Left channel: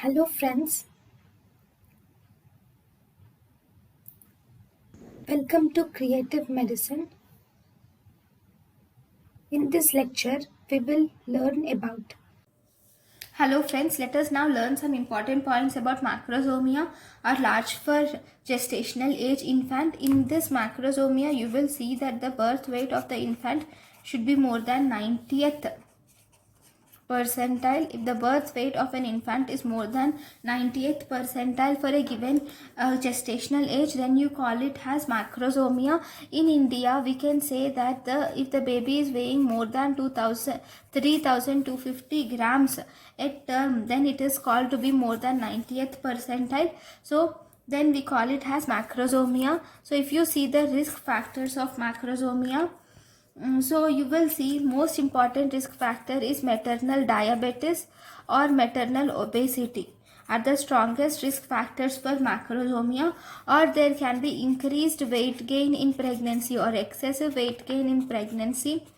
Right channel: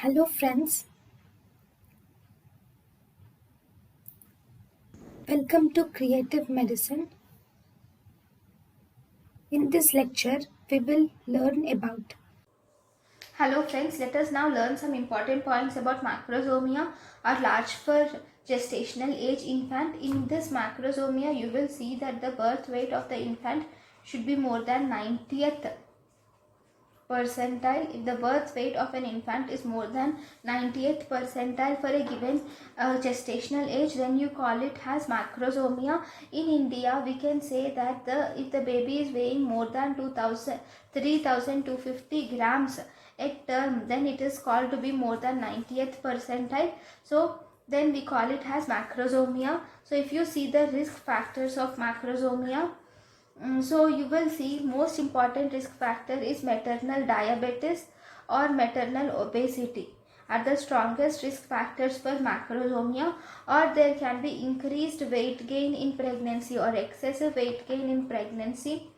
Hello friends, welcome to Creative Medicine. In this lecture, we will learn about. Hello friends, let us now learn some important points about macrosomia or large for gestational age infant. In this macrosomia, you will see that the birth weight of the infant should be more than 90th percentile. If the birth weight of an infant is more than 90th percentile for a given gestational age, then you call it as macrosomia. In India, we can say that if the baby is weighing more than 3250 grams at term, then it is called to be more than 90th percentile. So then we call it as macrosomia. So if you see the risk factors of macrosomia, so you will see most important risk factor is maternal diabetes or maternal obesity are the strongest risk factors for macrosomia, or there can be increased weight gain in pregnancy or excessive weight gain in pregnancy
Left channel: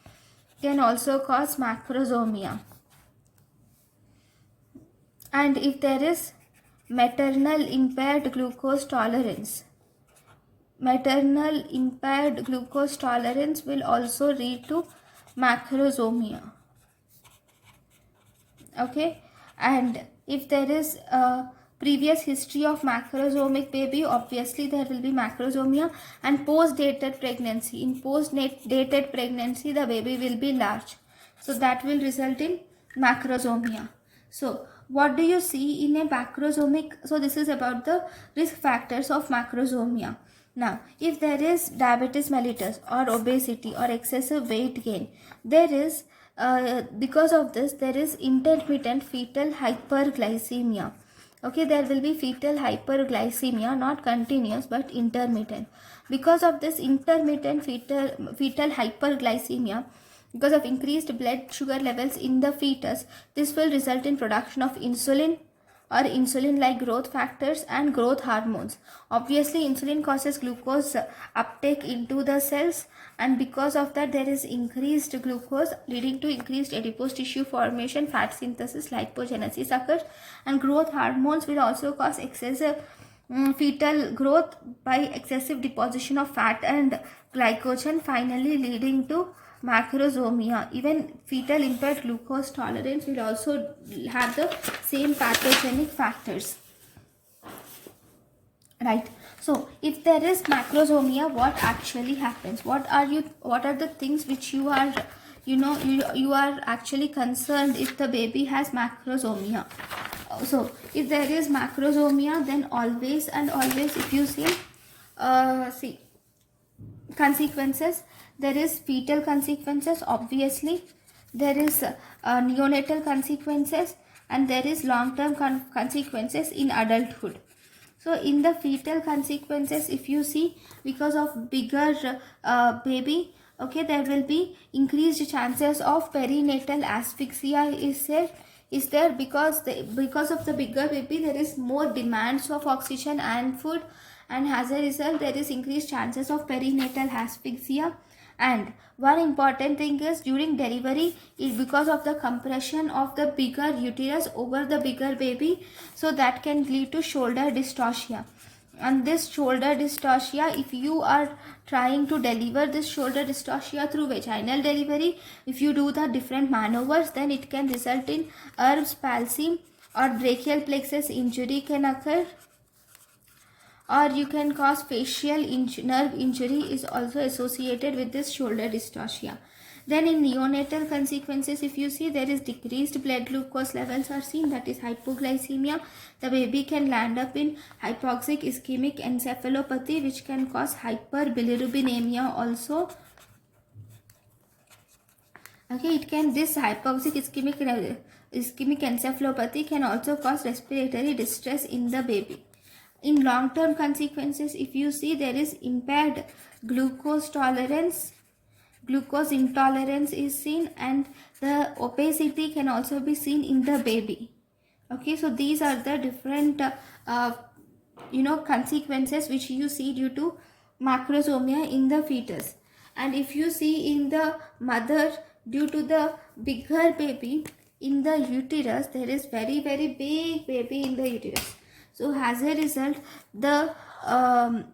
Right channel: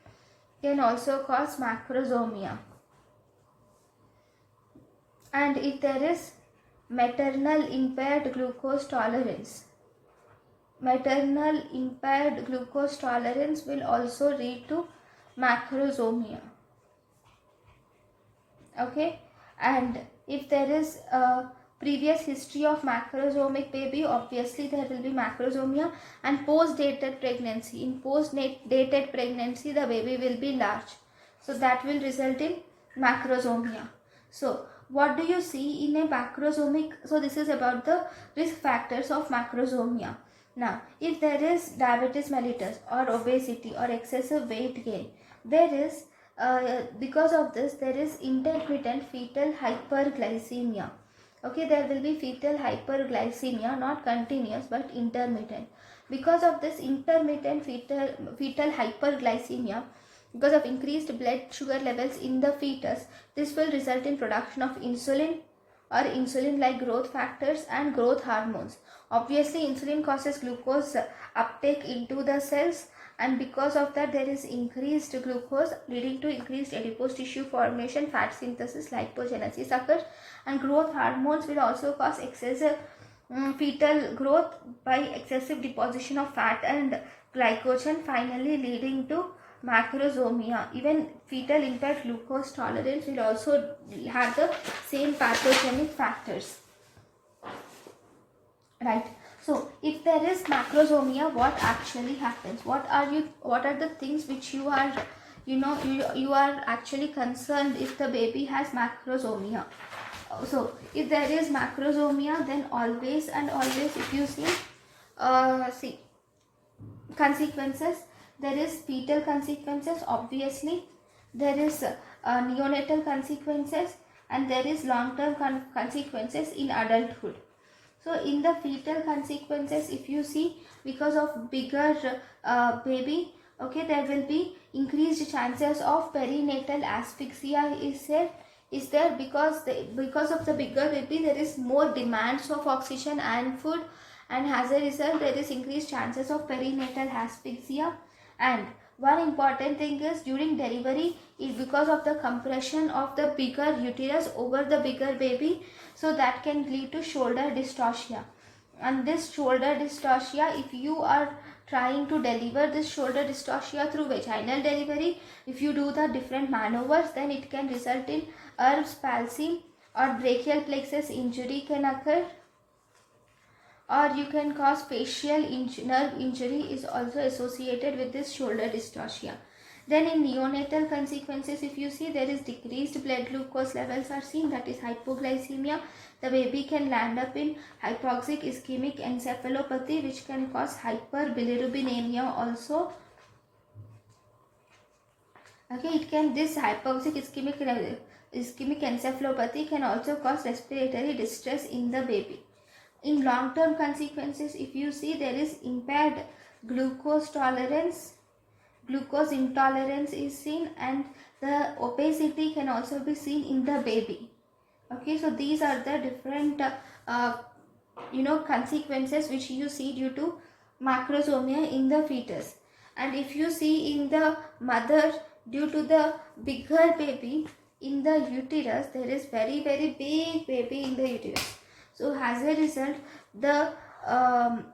can also cause macrosomia. And if there is maternal impaired glucose tolerance, maternal impaired glucose tolerance will also lead to macrosomia. Okay, and if there is a previous history of macrosomic baby, obviously there will be macrosomia. And post-dated pregnancy, in post-dated pregnancy the baby will be large, so that will result in macrosomia. So what do you see in a macrosomic? So this is about the risk factors of macrosomia. Now, if there is diabetes mellitus or obesity or excessive weight gain, there is because of this there is intermittent fetal hyperglycemia. Okay, there will be fetal hyperglycemia, not continuous but intermittent. Because of this intermittent fetal hyperglycemia, because of increased blood sugar levels in the fetus, this will result in production of insulin or insulin like growth factors and growth hormones. Obviously insulin causes glucose uptake into the cells, and because of that there is increased glucose leading to increased adipose tissue formation, fat synthesis, lipogenesis occurs, and growth hormones will also cause excessive fetal growth by excessive deposition of fat and glycogen, finally leading to macrosomia. Even fetal impaired glucose tolerance will also have the same pathogenic factors, right? So if there is macrosomia, what actually happens? What are the things which you are you are actually concerned if the baby has macrosomia? So if there is macrosomia, then always and always, if you see consequences, there is fetal consequences, obviously there is neonatal consequences, and there is long-term consequences in adulthood. So in the fetal consequences, if you see, because of bigger baby, okay, there will be increased chances of perinatal asphyxia is there because of the bigger baby there is more demands of oxygen and food, and as a result there is increased chances of perinatal asphyxia. And one important thing is during delivery is because of the compression of the bigger uterus over the bigger baby, so that can lead to shoulder dystocia. And this shoulder dystocia, if you are trying to deliver this shoulder dystocia through vaginal delivery, if you do the different maneuvers, then it can result in Erb's palsy or brachial plexus injury can occur, or you can cause facial nerve injury is also associated with this shoulder dystocia. Then in neonatal consequences, if you see, there is decreased blood glucose levels are seen, that is hypoglycemia. The baby can land up in hypoxic ischemic encephalopathy, which can cause hyperbilirubinemia also. Okay, it can, this hypoxic ischemic encephalopathy can also cause respiratory distress in the baby. In long-term consequences, if you see, there is impaired glucose tolerance, glucose intolerance is seen, and the obesity can also be seen in the baby. Okay, so these are the different consequences which you see due to macrosomia in the fetus. And if you see in the mother, due to the bigger baby, in the uterus, there is very very big baby in the uterus. So as a result, the um,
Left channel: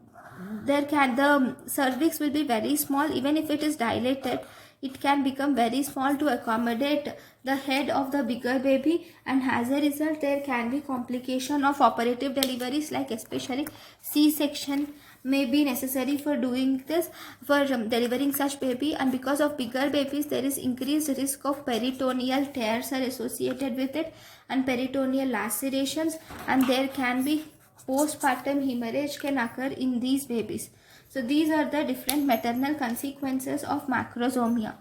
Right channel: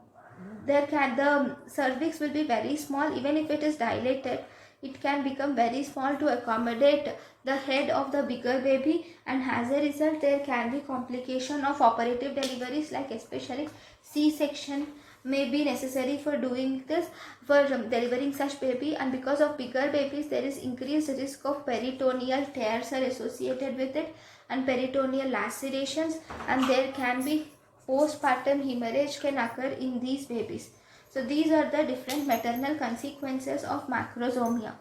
the cervix will be very small. Even if it is dilated, it can become very small to accommodate the head of the bigger baby, and as a result there can be complication of operative deliveries, like especially C-section may be necessary for doing this, for delivering such baby. And because of bigger babies, there is increased risk of peritoneal tears are associated with it, and peritoneal lacerations, and there can be postpartum hemorrhage can occur in these babies. So these are the different maternal consequences of macrosomia.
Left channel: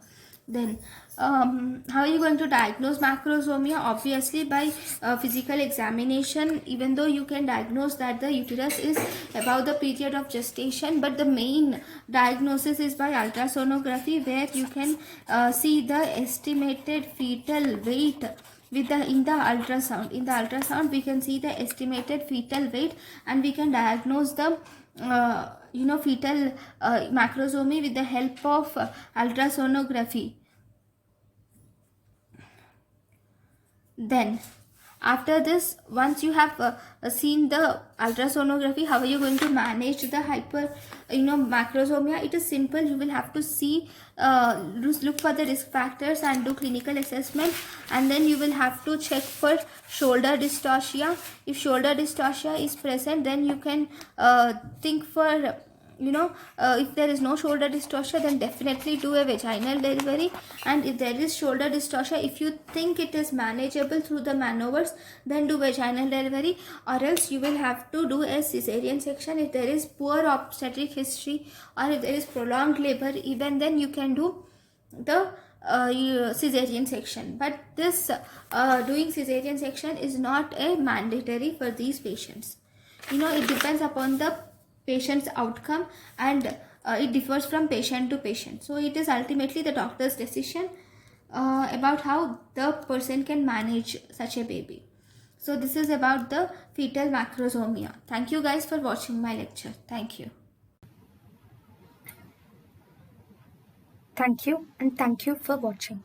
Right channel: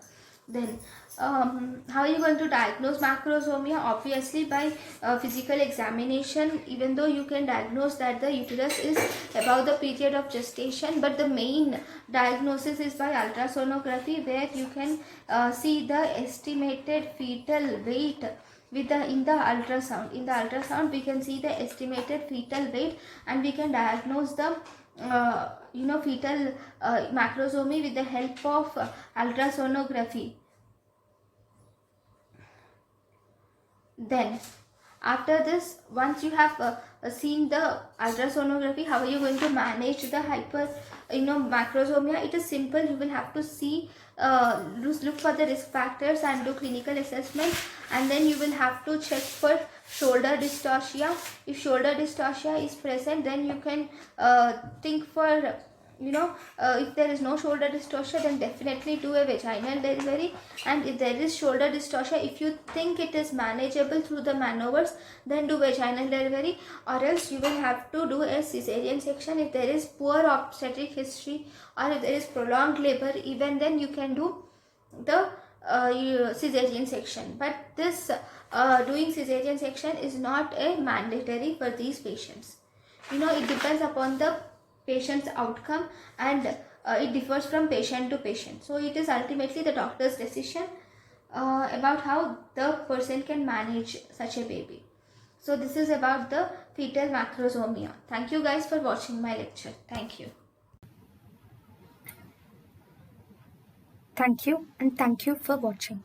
Then how are you going to diagnose macrosomia? Obviously by physical examination. Even though you can diagnose that the uterus is above the period of gestation, but the main diagnosis is by ultrasonography, where you can see the estimated fetal weight with the in the ultrasound we can see the estimated fetal weight, and we can diagnose the fetal macrosomy with the help of ultrasonography. Then after this, once you have seen the ultrasonography, how are you going to manage the macrosomia? It is simple. You will have to see look for the risk factors and do clinical assessment, and then you will have to check for shoulder dystocia. If shoulder dystocia is present, then you can think for if there is no shoulder dystocia, then definitely do a vaginal delivery. And if there is shoulder dystocia, if you think it is manageable through the maneuvers, then do vaginal delivery, or else you will have to do a cesarean section. If there is poor obstetric history, or if there is prolonged labor, even then you can do the cesarean section. But this doing cesarean section is not a mandatory for these patients. It depends upon the patient's outcome, and it differs from patient to patient. So it is ultimately the doctor's decision about how the person can manage such a baby. So this is about the fetal macrosomia. Thank you guys for watching my lecture. Thank you. Thank you, and thank you for watching.